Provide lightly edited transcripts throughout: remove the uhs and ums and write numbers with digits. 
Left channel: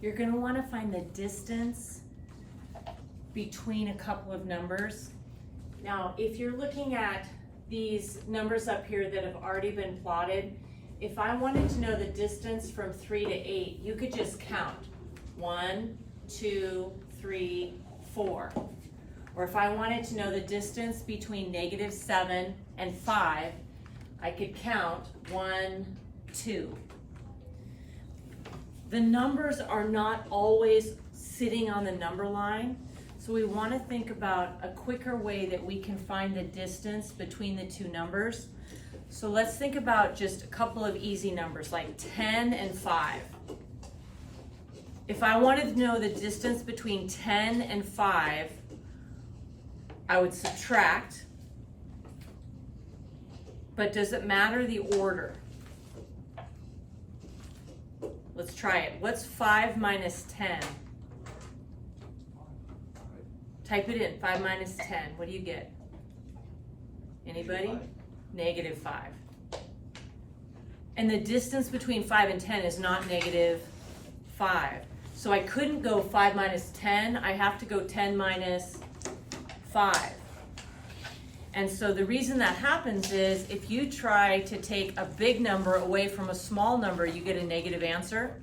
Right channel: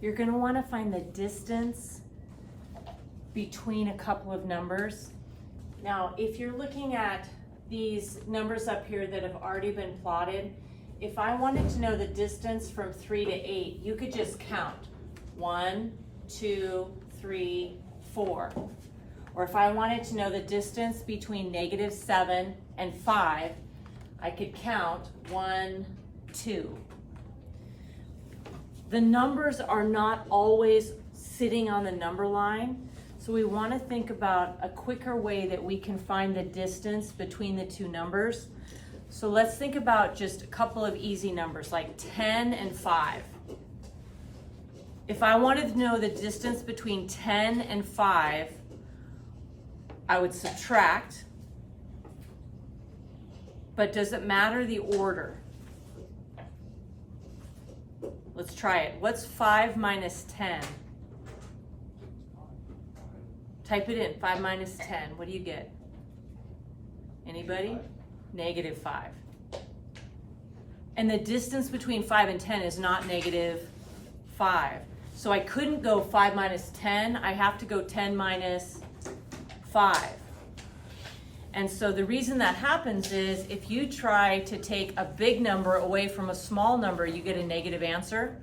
you're going to want to find the distance between a couple of numbers. Now, if you're looking at these numbers up here that have already been plotted, if I wanted to know the distance from 3 to 8, you could just count 1, 2, 3, 4. Or if I wanted to know the distance between -7 and 5, I could count 1, 2. The numbers are not always sitting on the number line, so we want to think about a quicker way that we can find the distance between the two numbers. So let's think about just a couple of easy numbers like 10 and 5. If I wanted to know the distance between 10 and 5, I would subtract, but does it matter the order? Let's try it. What's 5 minus 10? Type it in, 5 minus 10. What do you get? Anybody? -5. And the distance between 5 and 10 is not -5. So I couldn't go 5 minus 10. I have to go 10 minus 5. And so the reason that happens is if you try to take a big number away from a small number, you get a negative answer.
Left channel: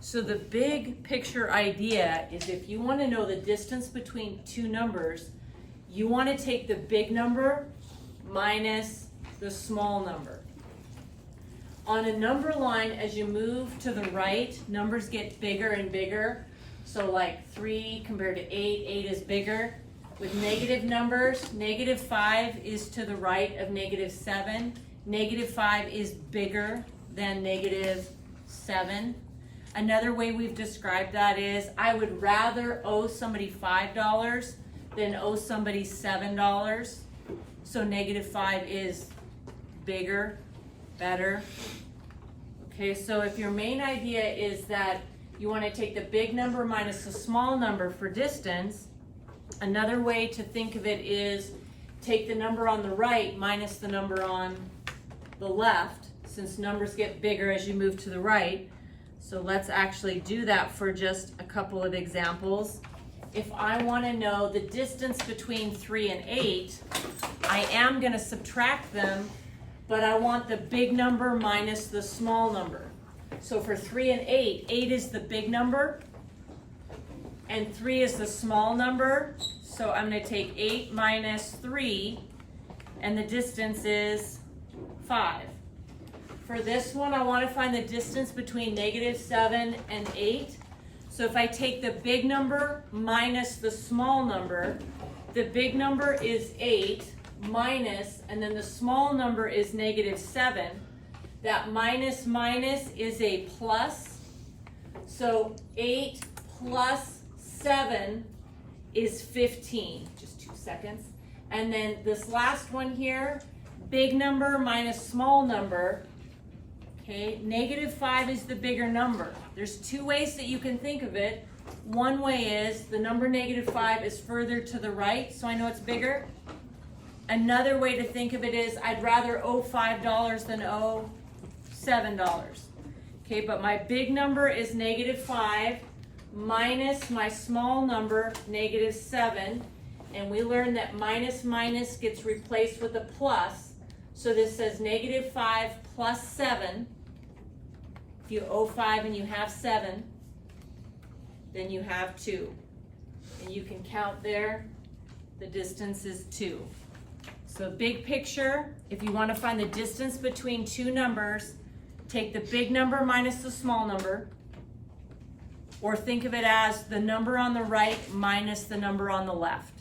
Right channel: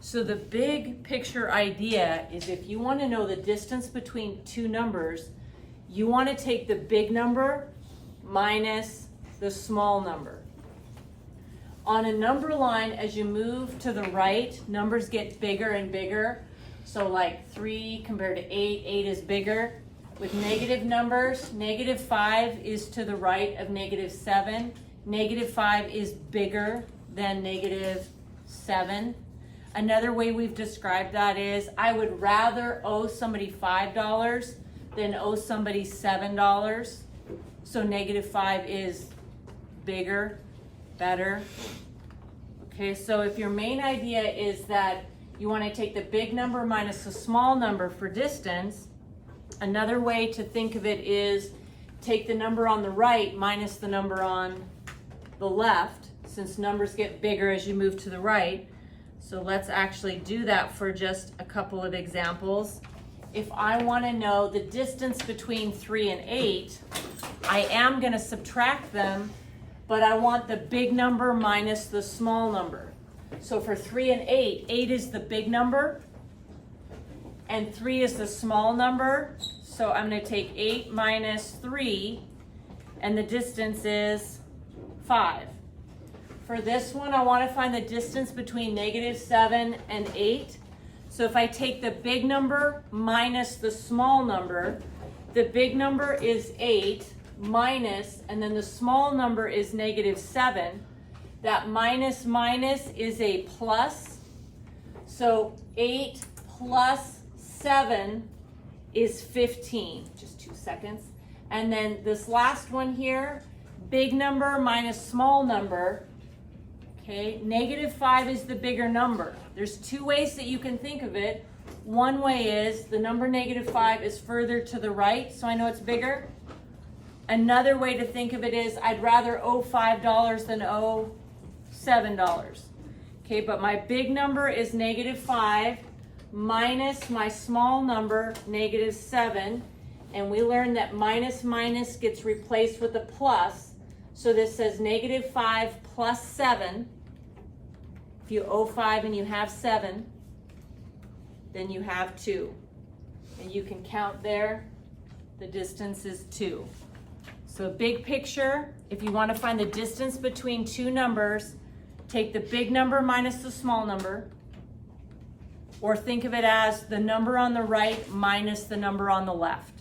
So the big picture idea is if you want to know the distance between two numbers, you want to take the big number minus the small number. On a number line, as you move to the right, numbers get bigger and bigger. So like 3 compared to 8, 8 is bigger. With negative numbers, -5 is to the right of -7. -5 is bigger than -7. Another way we've described that is I would rather owe somebody $5 than owe somebody $7. So -5 is bigger, better. Okay, so if your main idea is that you want to take the big number minus the small number for distance, another way to think of it is take the number on the right minus the number on the left, since numbers get bigger as you move to the right. So let's actually do that for just a couple of examples. If I want to know the distance between 3 and 8, I am going to subtract them, but I want the big number minus the small number. So for 3 and 8, 8 is the big number, and 3 is the small number. So I'm going to take 8 minus 3, and the distance is 5. For this one, I want to find the distance between -7 and 8. So if I take the big number minus the small number, the big number is 8 minus, and then the small number is -7. That minus is a plus. So 8 plus 7 is 15. Just 2 seconds. And then this last one here, big number minus small number. Okay, -5 is the bigger number. There's two ways that you can think of it. One way is the number -5 is further to the right, so I know it's bigger. Another way to think of it is I'd rather owe $5 than owe $7. Okay, but my big number is -5 minus my small number, -7. And we learned that minus gets replaced with a plus. So this says -5 plus 7. If you owe 5 and you have 7, then you have 2. And you can count there, the distance is 2. So big picture, if you want to find the distance between two numbers, take the big number minus the small number, or think of it as the number on the right minus the number on the left.